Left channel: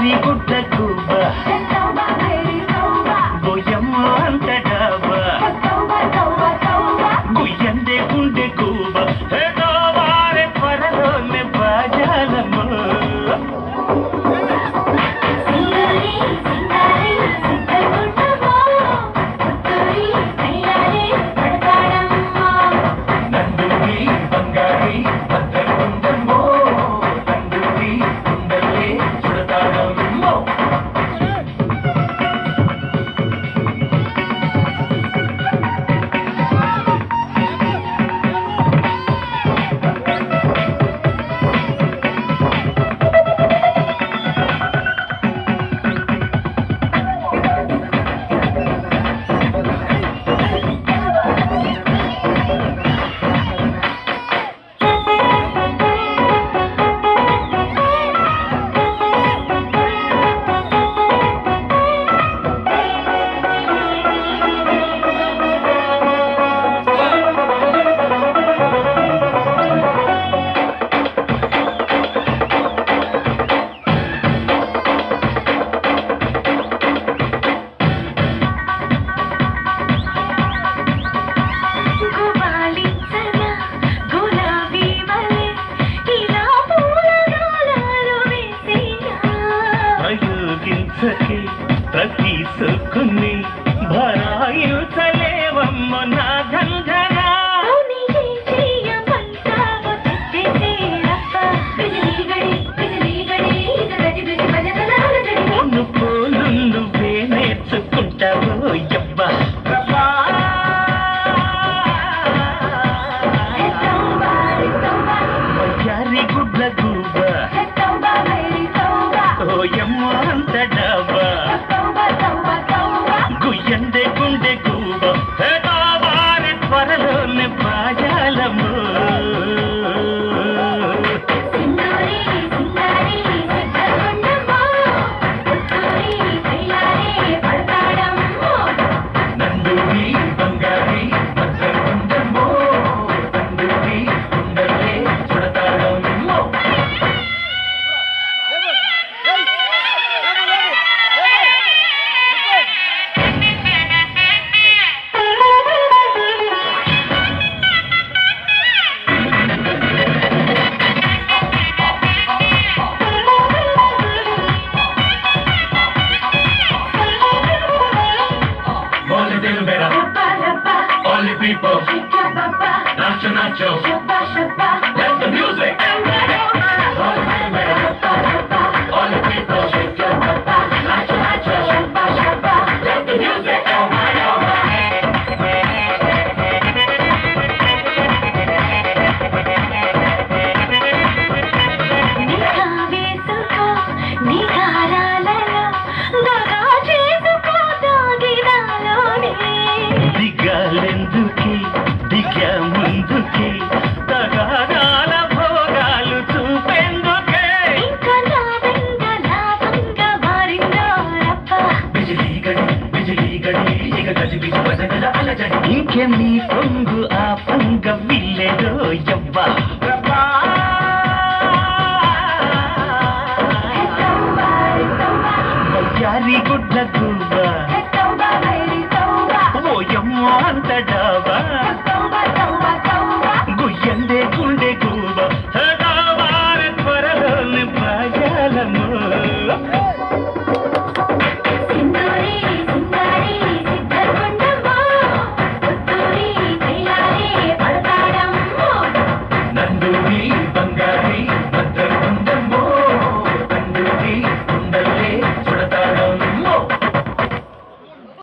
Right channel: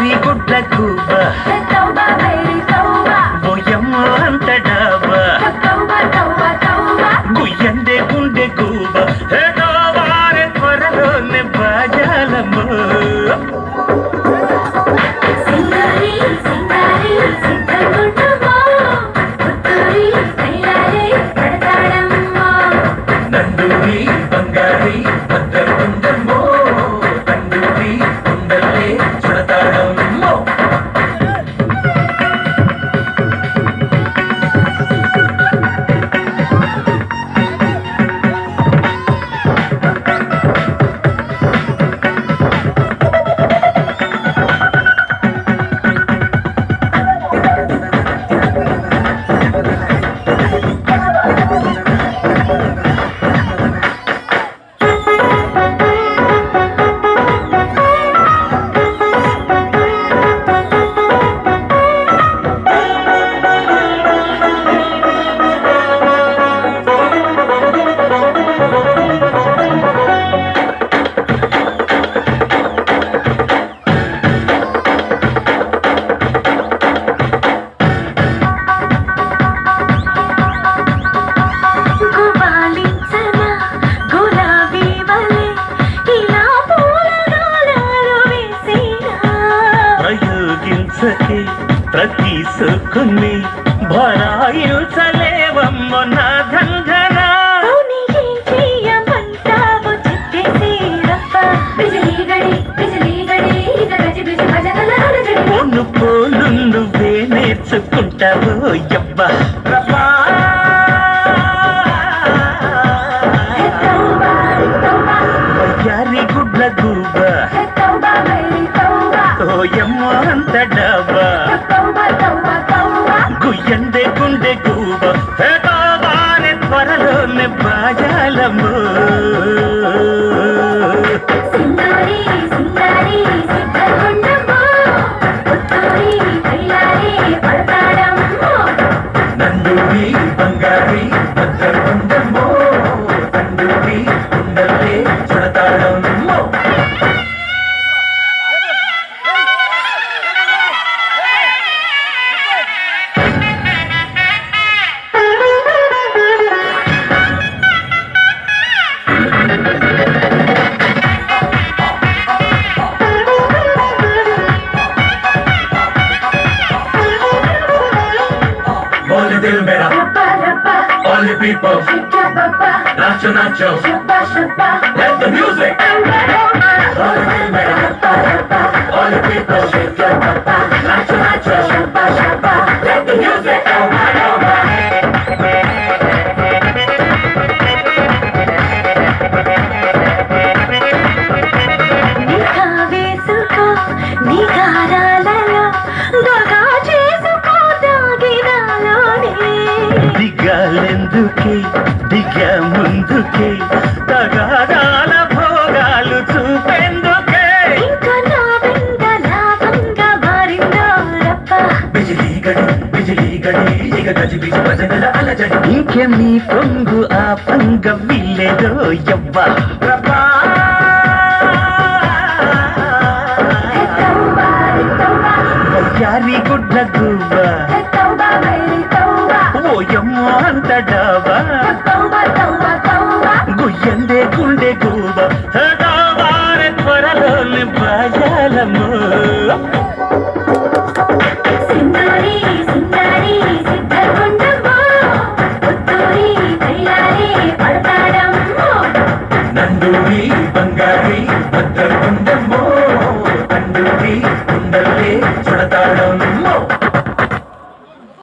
వయ్యారి గుడ్ల కూబ బొయ్యమ్మ అంత డాబా గుయ్యందే గుండె కూబ వారే త్వరలోనే బాజాలమ్మ నందూరి బంగారి భద్రకుందమ్మో నందూరి కుందల్లే చుడతాడమ్మో ప్రతి సుకుని భరాయించలేవమ్మ నా ధంధన పొన్ను పోలు నువ్వే నేర్చుకుంటావు యబ్బా వయ్యారి గుడ్ల గూబ ఓయమ్మ అంత డాబా గుయ్యందే గుండె గూబ వారే త్వరలోనే బాజాలమ్మ నందూరి బంగారి భద్రకుందమ్మో Nanduri కుందల్లే చుడతాడమ్మో Dill mera, all the people, nacho nacho, let the music. All the dill mera, all the people, nacho nacho, let the music. దిగాలెందుకే దిగా ముందుకే తగాదాల భోగాలు చూపెందుకే బిజిలీ గడి ఇక గజిబిజి భజనల అలజడి ఇంకే మీ పొంగు ఆ పంగ విల్లేదో యవ్వా వయ్యారి గుడ్ల గువ్వ ఓయమ్మ అంత డాబా గుయ్యందే గుండె గూబ వారే త్వరలోనే బాజాలమ్మ